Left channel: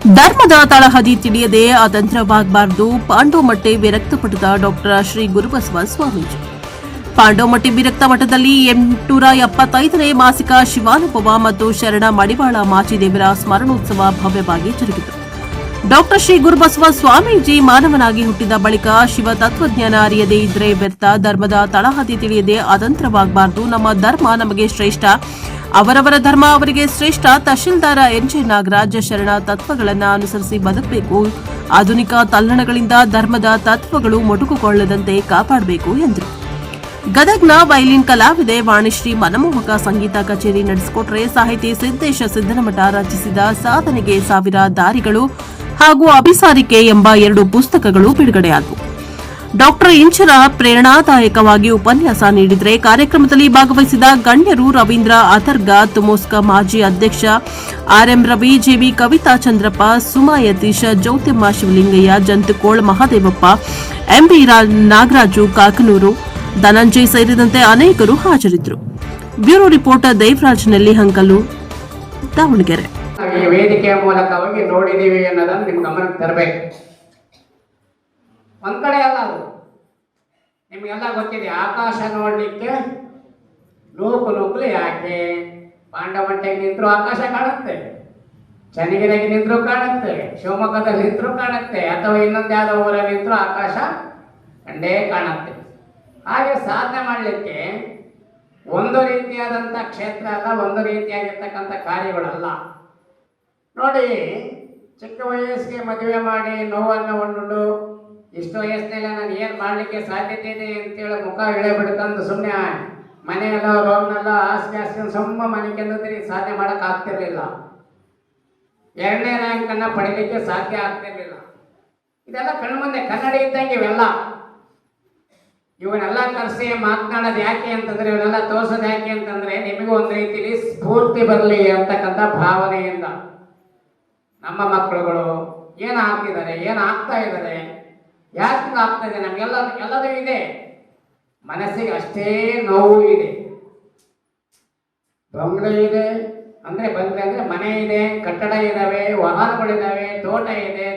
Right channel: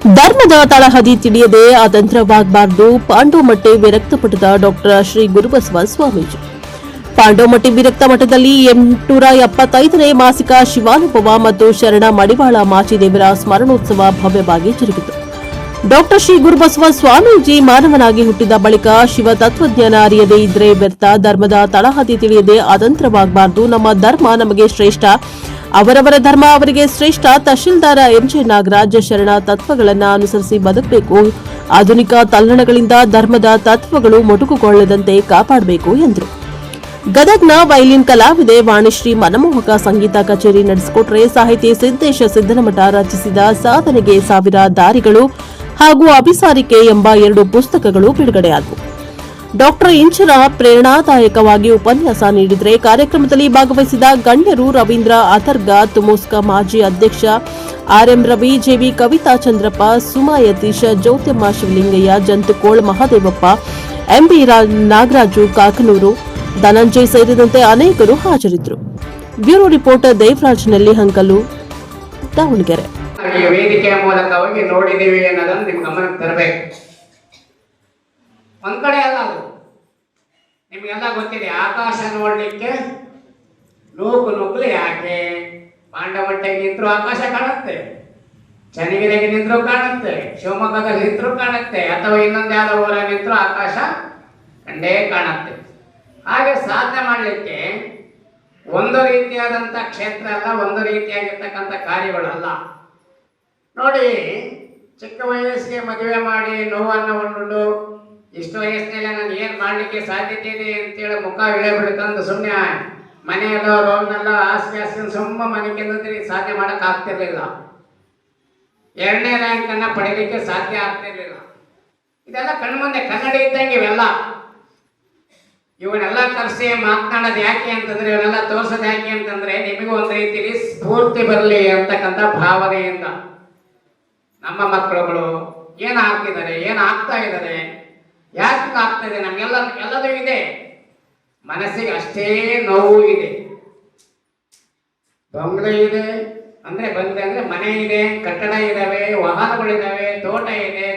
ಧರ್ಮದ ತಳಹದಿ ತಿಳಿಯದೆ ಅತಂತ್ರವಾಗಬಾರದು. ಪಾಂಡೋಮಟ್ಟೆ ವಿರಕ್ತ ಮಠದ ಡಾಕ್ಟರ್ ಶ್ರೀ ಗುರುಬಸವ ಸ್ವಾಮೀಜಿ. ಪಾಂಡೋಮಟ್ಟಿ ವಿರಕ್ತ ಮಠದಲ್ಲಿ 875ನೇ ಮಾಸಿಕ ಶಿವಾನುಭವ ಮತ್ತು ಶರಣ ಮಡಿವಾಳ ಮಾಚಿದೇವರ ಸ್ಮರಣೋತ್ಸವ ಭವ್ಯವಾಗಿ ಜರುಗಿತು. ಡಾಕ್ಟರ್ ಶ್ರೀ ಗುರುಬಸವ ಸ್ವಾಮೀಜಿ ಮಾನವನಾಗಿ ಹುಟ್ಟಿದ ಬಳಿಕ ಶಿವ ತತ್ವಜ್ಞಾನ ಅರಿಯದೇ ಇದ್ರೆ ವ್ಯರ್ಥ. ಧರ್ಮದ ತಳಹದಿ ತಿಳಿಯದೆ ಅತಂತ್ರವಾಗಬಾರದು. ನಮ್ಮ ಧರ್ಮ ನಮಗೆ ಶ್ರೇಷ್ಠ, ಅವರವರ ಧರ್ಮ ಅವರಿಗೆ ಶ್ರೇಷ್ಠ. ತಹಶೀಲ್ದಾರ ಎಂಜೆ ನಾಗರಾಜ್ ಶರಣ ತತ್ವಗಳನ್ನು ಅನುಸರಿಸಿ ಬದುಕಬೇಕು. ಆಧುನಿಕ ತಲ್ಲಣಗಳಿಂದ ಧರ್ಮದ ತತ್ವಗಳು ಮೊಟಕುಗೊಳ್ಳದಂತೆ ಕಾಪಾಡಬೇಕು ಎಂದರು. ಗದಗ್ನ ವೈಲಿನ್ ಕಲಾವಿದೆ ವಾಣಿಶ್ರೀ ಮನಮೋಹಕ ಸಂಗೀತ ಕಚೇರಿ ನಡೆಸಿಕೊಟ್ರೆ, ಸಾಹಿತಿ ಸಿದ್ದೇಶ ಸಿದ್ದನಮಠ ರಚಿಸಿದ ಸಾಧನೆಗೆ ಸಾವಿರ ದಾರಿಗಳು ಹಾಗೂ ಅಭಿಸಾರಿಕೆ ಎಂಬ 2 ಪುಸ್ತಕಗಳು ಬಿಡುಗಡೆಯಾದವು. ಡಾಕ್ಟರ್ ಇಂಚರ ಪ್ರೇರಣಾದಾಯಕವಾಗಿ ಉಪನ್ಯಾಸ ನೀಡಿದರೆ, ಕಾರ್ಯಕ್ರಮದಲ್ಲಿ ಭಾಗವಹಿಸಿದ ಗಣ್ಯರು ರವೀಂದ್ರ ಅಥರ್ಗ, ತುಮೋಸ್ಕ ಮಾಜಿ ಅಧ್ಯಕ್ಷ RM Ravi, JV Kavitha Chandrappa, Suma Yathisha, Jyothimma Shivalingaiah, Jantukol Mahadevappa, MB Nagaraju Kakanuru, Dhananjay ಸೇರಿದಂತೆ ಅನೇಕರು ಹಾಜರಿದ್ದರು. Bureau reporter Devaraj Nellihankalu, Davanagere. ವೇದಿಕೆಯ ಮೂಲಕವಾಗಿ ನೋಡಿದೀವಿ ಅನ್ನೋದನ್ನು ನಿಮ್ ಗಮನಕ್ಕೆ ತರಬೇಕು. ಒಂದ್ ಕಡೆ ಅಲ್ಲ, ಅದು ನಿಮ್ಗೆಲ್ಲ ಗೊತ್ತಿದೆ. ಆಕಾಶ ನೋಡ್ಲಿಕ್ಕೆ ನೂಕುಲಿ ಯಾಕೆ? ಪಾಂಡವಮಟ್ಟೆಗೆ ನಿಂತರೂ ಆಕಾಶ ಕಾಣುತ್ತೆ, ಚನ್ನಗಿರಿಗೆ ನಿಂತರೂ ಕಾಣುತ್ತೆ, ಶಿವಮೊಗ್ಗದಲ್ಲಿ ನಿಂತರೂ ಕಾಣುತ್ತೆ, ಅಥವಾ ಇನ್ನೊಂದು ಯಾವ್ದೋ ಊರಲ್ಲಿ ನಿಂತರೂ ಆಕಾಶ ಕಂಡೇ ಕಾಣುತ್ತೆ. ಹಾಗೆ ಸಾಧನೆ ಮಾಡಲಿಕ್ಕೆ ಒಂದು ರೀತಿಯಾದಂಥ ಕ್ಷೇತ್ರ ಅಲ್ಲ, ಒಂದು ರೀತಿಯಾಗಿರ್ತಕ್ಕಂಥ ಕಾರ್ಯಗಳಲ್ಲ. ನೋಡಿ, ಚಿಕ್ಕ ವಯಸ್ಸಿಗೆ ಮದುವೆ ಮಾಡಿ ನೋವನ್ನು ಉಂಡು ಇಷ್ಟು ವಯಸ್ಸಿನಲ್ಲಿ ನಾನು ಏನು ಮಾಡಲಿಕ್ಕೆ ಸಾಧ್ಯತೆ ಇದೆ ಅಂತೇಳಿ ಮುಖ ಇಳಿಬಿಡ್ತಂದು ಸುಮ್ಮನೆ ಮನೆಯಲ್ಲೋ ರೋಮ್ನೆಲ್ಲ ಹಾಸಿಗೆ ಸುಮ್ಮ ಮನೆಗೆ ಸಾಧನೆ ಮಾಡಕ್ ಆಗ್ತಿರ್ಲಿಲ್ಲ. 2ನೇ ರ್ಯಾಂಕ್ ಅನ್ನ ಪಡಿಲಿಕ್ಕೆ ಸಾಧ್ಯ ಆಗ್ತಿರ್ಲಿಲ್ಲ. ಇದೆಲ್ಲ ಕಣ್ಮುಂದೆ ಕನ್ನಡಿ ಇದ್ದಂಗೆ ಇವೆಲ್ಲ. ಇವನ್ನೆಲ್ಲ ಕರೆಸಿ ಮಾತನಾಡೋದು ಯಾಕೆ ಅಂತಂದ್ರೆ, ಇವನ್ನೆಲ್ಲ ತೋರ್ಸೋದು ಯಾಕೆ ಅಂತಂದ್ರೆ, ನಿಮಗೂ ಒಂದು ರೀತಿಯಲ್ಲಿ ಸ್ಫೂರ್ತಿ ಬರಲಿ ಅಂತಕ್ಕಂಥ ಭಾವನೆಯಿಂದ ನಮ್ಮ ಮಕ್ಕಳುಗಳು ಏನು ಆಗ್ತಿದ್ದಾರೆ, ಏನು ಆಗ್ತಾ ಇದ್ದಾರೆ, ಯಾಕೆ ಆಗ್ತಾ ಇದೆ, ಎಲ್ಲದೂ ಇದೆ. ಮನಸ್ಸಿಗೆ ಅಷ್ಟೇ ನೋವು ಇದೆ. ಬಂಗ್ಲೆ ಇದೆ ಅಂದ್ರೆ ಮನೆ ಇದೆ, ಕಟ್ಟಡ ಇದಾವೆ, ವಾಹನಗಳಿದಾವೆ, ತೋಟ ಇದೆ,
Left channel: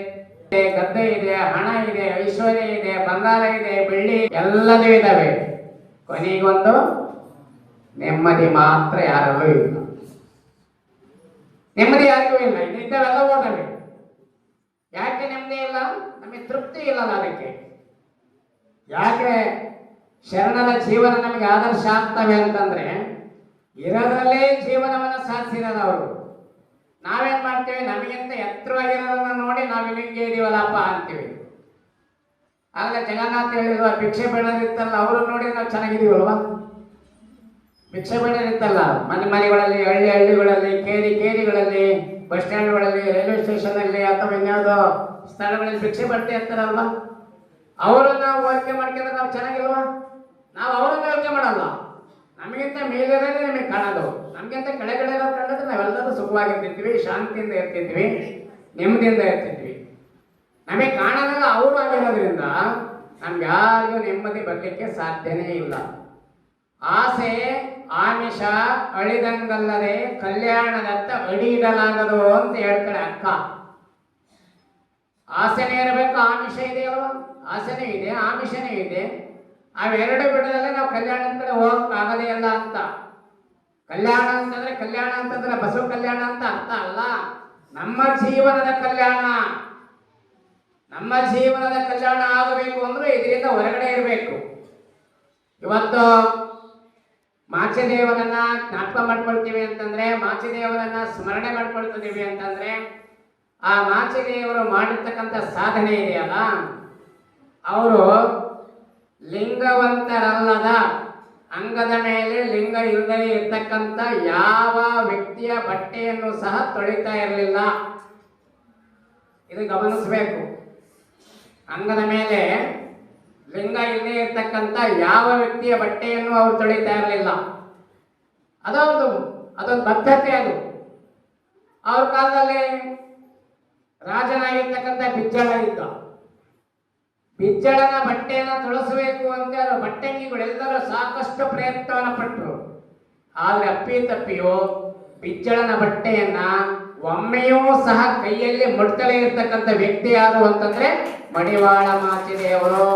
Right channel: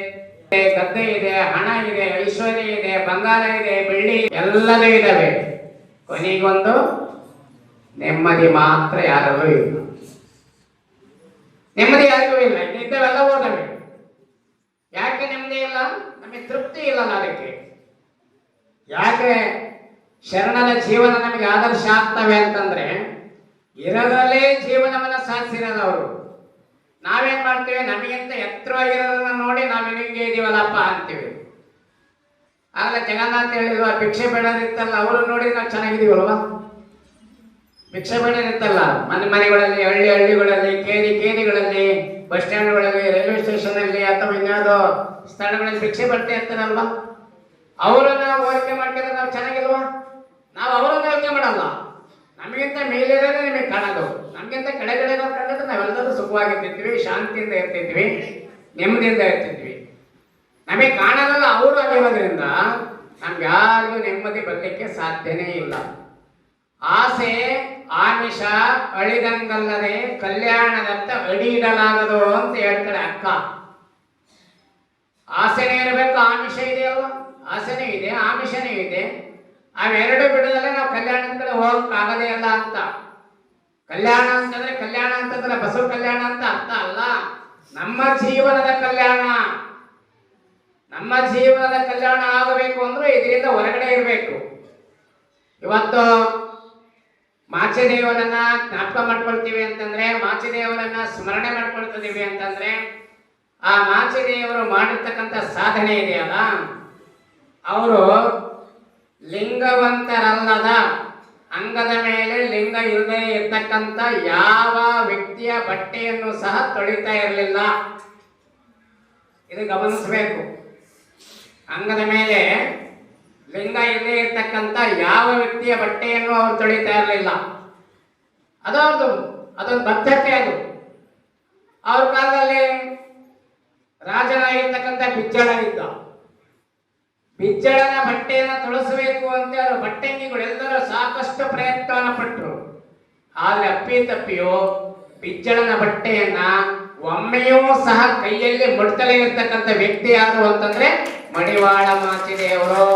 ಗದ್ದೆ ಇದೆ, ಹಣ ಇದೆ, ಐಶ್ವರ್ಯ ಇದೆ, ಬಂಗಾರ ಇದೆ, ಬೆಳ್ಳಿ ಎಲ್ಲವೂ ಇದಾವೆ. ಕೊನೆಗೊಂದು ನೆಮ್ಮದಿ ಮಾತ್ರ ಯಾರಿಗೂ ಇಲ್ಲ. ನೆಮ್ಮದಿ ಯಾರಿಗೂ ಇಲ್ಲ. ಇದ್ದವೆಲ್ಲ ಓಟವೆ. ಯಾಕೆ ನೆಮ್ಮದಿ ಇಲ್ಲ? ನಮಗೆ ತೃಪ್ತಿ ಇಲ್ಲಲ್ಲ. ಅದಕ್ಕೆ ಯಾಕೆ ಶರಣರ ಜೀವನ ನಮಗೆ ಆದರ್ಶ ಆಗ್ತವೆ ಅಂತಂದ್ರೆ, ಇರೋದ್ರಲ್ಲೇ ಜೀವನವನ್ನ ಸಾಧಿಸಿರೋದು ಅವರು. ನಾವೇನ್ ಮಾಡ್ತೇವೆ? ನಮಗಿಂತ ಎತ್ತರವಾಗಿರೋದನ್ನ ನೋಡಿ ನಾವು ನಿಮಗೆ ಇದೀವಲ್ಲಪ್ಪ ಅಂತೀವಿ. ಆಗಲೇ ಜಗನ್ನಾಥ್ ಹೇಳಿರುವ ಭಿಕ್ಷೆ ಬೇಡರಿತ್ತಲ್ಲ, ಅವರು ನೋಡಿ ನಾವು ಚೆನ್ನಾಗಿದೀವಲ್ವಾ? ಭಿಕ್ಷೆ ಬೇಡರಿತ್ತಲ್ಲ, ಮನೆಗಳಲ್ಲಿ, ಹಳ್ಳಿಗಳಲ್ಲಿ, ಕೇರಿಗಳಲ್ಲಿ, ಬಸ್ ಸ್ಟ್ಯಾಂಡ್ಗಳಲ್ಲಿ, ರೈಲ್ವೆ ಸ್ಟೇಷನ್ ಅಲ್ಲಿ, ಅಥವಾ ಇನ್ಯಾವುದೋ ಸ್ಥಳಗಳಲ್ಲಿ ಭಿಕ್ಷೆ ಬಡ್ತಾ ಇರ್ತಾರಲ್ವಾ? ಅವರನ್ನ ಹೋಲಿಕೆ ಮಾಡ್ಕೊಂಡ್ರೆ ನಾವು ಚೆನ್ನಾಗಿಲ್ವಾ? ನಾವು ಅವರನ್ನ ಯೋಚನೆ ಮಾಡಲ್ಲ. ನಮಗಿಂತ ಮೇಲಿರೋದೇ ನಿಮಗೆ ಕಾಣೋದು, ನಮಗಿಂತ ಕೆಳಗಡೆ ಕಂಡಿದ್ರೆ ನಾವೆಲ್ಲರೂ ಸುಖವಾಗಿರ್ತಿದ್ವಿ, ಶಾಂತಿಯಿಂದ ಇರ್ತಿದ್ವಿ, ನೆಮ್ಮದಿಯಿಂದ ಇರ್ತಿದ್ವಿ. ನಮಗೆ ಕಾಣೋದಲ್ಲ ಅವರು ಆಗಿರೋದ್ರಿಂದ ನಮ್ಗೆ ಯಾರಿಗೂ ನೆಮ್ಮದಿ ಬರಲಿಕ್ಕೆ ಸಾಧ್ಯನೇ ಇಲ್ಲ. ಆಸೆ ಆಮಿಷ ಅಳಿದಂಗಲ್ಲದೆ ಕಲ್ಯಾಣದತ್ತ ಅಡಿ ಇಡಲಾಗದು ಅಂತ ಹೇಳ್ತಾರೆ ಅಕ್ಕ. ಆಸೆನೇ ಇರಬೇಕು, ಆಮಿಷ ಇದೆಯಲ್ಲ, ಆಸೆನೇ ಇದೆ, ಆಮಿಷನೇ ಇದೆ. ಅವೆರಡು ಬಿಡದಲ್ಲೇ ನಾವು ಕಲ್ಯಾಣದ ಕಡೆ ಹೋಗಕ್ಕಾಗದೇ ಇಲ್ಲ ಅಂತ. ಕಲ್ಯಾಣ ಅಂತಂದ್ರೆ ಬಸವ ಕಲ್ಯಾಣ ಅಂತ ಅರ್ಥ ಅಲ್ಲ. ನಮ್ಮ ಜೀವನದ ಕಲ್ಯಾಣ ಆಗಬೇಕು ಅಂದ್ರೆ ಇದರಿಂದ ಹೊರಗಡೆ ಇರಬೇಕು. ಇವತ್ತು ಮಾಚಿದೇವರನ್ನ ಜ್ಞಾಪಕ ಮಾಡ್ಕೊಳ್ತೀವಿ ಅಂತಂದ್ರೆ, ಮಾಚಿದೇವರನ್ನ ಸ್ಮರಣೆ ಮಾಡ್ಕೊಳ್ತಿದೀವಿ ಅಂತಂದ್ರೆ, ಆ ಮಾಚಿದೇವರು ಮಾಡಿರ್ತಕ್ಕಂಥ ಸಾಧನೆ ಇದೆಯಲ್ಲ, ಅವರು ಲಿಂಗವಂತರಲ್ಲದ, ಅಂಗದ ಮೇಲೆ ಲಿಂಗ ಇಲ್ಲದೆ ಇರ್ತಕ್ಕಂಥ ಯಾವ ವ್ಯಕ್ತಿಯ ಬಟ್ಟೆಯನ್ನು ಸಹ ತೊಳಿತಾ ಇರಲಿಲ್ಲ. ಇದು ಗಮನಿಸಬೇಕು. ಅಂಗದ ಮೇಲೆ ಲಿಂಗ ಇಲ್ಲದೆ ಇರ್ತಕ್ಕಂಥ ಯಾವ ವ್ಯಕ್ತಿಯ ಬಟ್ಟೆಯನ್ನು ಅವರು ತೊಳಿತಾ ಇರಲಿಲ್ಲ. ಅದೊಂದು ಬದ್ಧತೆ. ಅದು ಅವ್ರ ಕಾಲದಲ್ಲಿ ರಾಜನಾಗಿರ್ತಕ್ಕಂಥ ಬಿಜ್ಜಳ ಇದ್ದ. ಬಿಜ್ಜಳನ ಬಟ್ಟೆಯನ್ನು ತೊಳಸಬೇಕು ಅಂತ ಬಟ್ಟೆಂಗಿಗಳೆಲ್ಲರೂ ಸಾಕಷ್ಟು ಪ್ರಯತ್ನವನ್ನು ಪಟ್ಟರು. ಆದ್ರೆ ಅಪ್ಪಿ ತಪ್ಪಿಯೋ ಬಿಜ್ಜಳನ ಬಟ್ಟೆಯನ್ನ ಒಮ್ಮೆಯೂ ಸಹ ಕೈಯಲ್ಲಿ ಮುಟ್ತಲೇ ಇರ್ತಕ್ಕಂಥ ವ್ಯಕ್ತಿ ಯಾರು ಅಂತಂದ್ರೆ ಮಡಿವಾಳ ಮಾಚಿದೇವರು.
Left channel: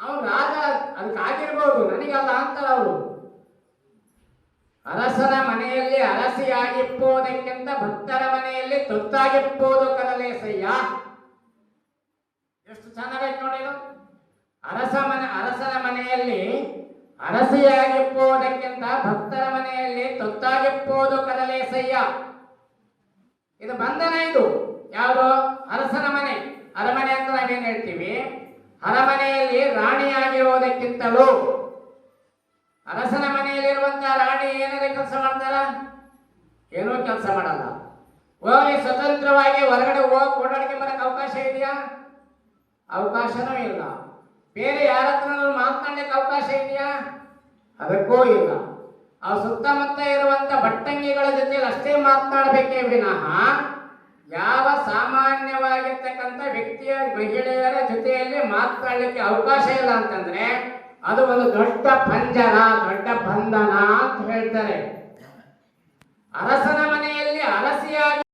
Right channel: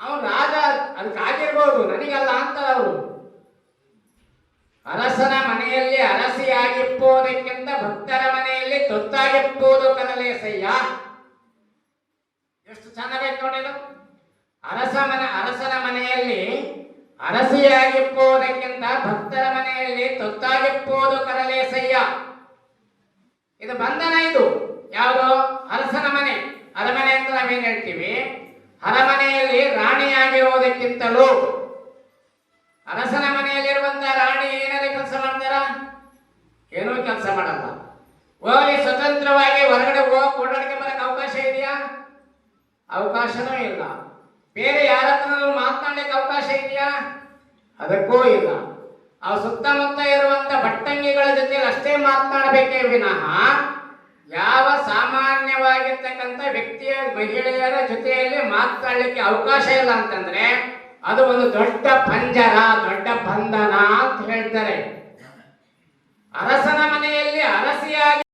ಅವ್ರು ರಾಜ ಅದಕ್ಕಾಗಿರ್ಬೋದು, ನನಗಲ್ಲ ಅಂತ ಅವರು. ಅರಸನ ಮನೆಯಲ್ಲಿ ಅರಸಿಯಾಗಿಪ್ಪುವುದಕ್ಕಿಂತ ಭಕ್ತರ ಮನೆಯಲ್ಲಿ ತೊತ್ತಾಗಿಪ್ಪುವುದು ಕದಲೇಸಯ್ಯ. ಎಷ್ಟು ಚೆನ್ನಾಗೈತೆ ನೋಡಿ ಇದು. ಅರಸನ ಮನೆಯಲ್ಲಿ ಅರಸಿಯಾಗಿಪ್ಪುವುದಕ್ಕಿಂತ ಭಕ್ತರ ಮನೆಯಲ್ಲಿ ತೊತ್ತಾಗಿಪ್ಪುವುದು ಕರಲೇಸಯ್ಯ. ಇದು ಬಂಧನ. ಇದು ಯಾವುದು? ಅರಸನ ಮನೆ, ಅರಮನೆ ಅಂತ ನಾವೇನ್ ಹೇಳ್ತೀವಿ. ಅರಮನೆಯಲ್ಲಿ ರಾಣಿಯಾಗಿರುವುದಕ್ಕಿಂತಲೂ ಅರಸನ ಮನೆಯಲ್ಲಿರುವಂತಹ ರಾಣಿ ಏನಾದ್ರು ಕೆಲಸ ಮಾಡ್ತಾರ? ಏನೂ ಕೆಲಸ ಮಾಡಲ್ಲ. ಹೋಗಿ ಸ್ವತಂತ್ರವಾಗಿ ಹೊರಗಡೆ ಹೋಗಿ ಓಡಾಡಕ್ಕೆ ಬರಕ್ಕೆ ಅವಕಾಶ ಇದೆಯಾ? ಅವಕಾಶನೂ ಇಲ್ಲ. ಬೇರೆ ಯಾರ ಹತ್ರ ಮಾತನಾಡಲಿಕ್ಕೆ ಅವಕಾಶ ಇದೆಯಾ? ಅದಕ್ಕೂ ಇಲ್ಲ. ಆ ಸುತ್ತಮುತ್ತ ಇರುವಂತ ಭಟ್ಟಂಗಿಗಳ ಜೊತೆ ಅಷ್ಟೇ ಮಾತನಾಡಬೇಕೇ ವಿನಃ ಯಾವ ಸಾಮಾನ್ಯವಾಗಿರ್ತಕ್ಕಂಥ ವ್ಯಕ್ತಿಯ ಮಹಿಳೆಯರ ಜೊತೆಯಲ್ಲಿ ಮಾತನಾಡಲಿಕ್ಕೆ ಅವಕಾಶ ಇಲ್ಲ ಅಂತಂದ್ರೆ ಅದು ಒಂದು ದೊಡ್ಡ ಪಂಜರ, ದೊಡ್ಡ ಬಂಧನ ಅಂತ ಹೇಳ್ತಾರೆ. ಅರಸನ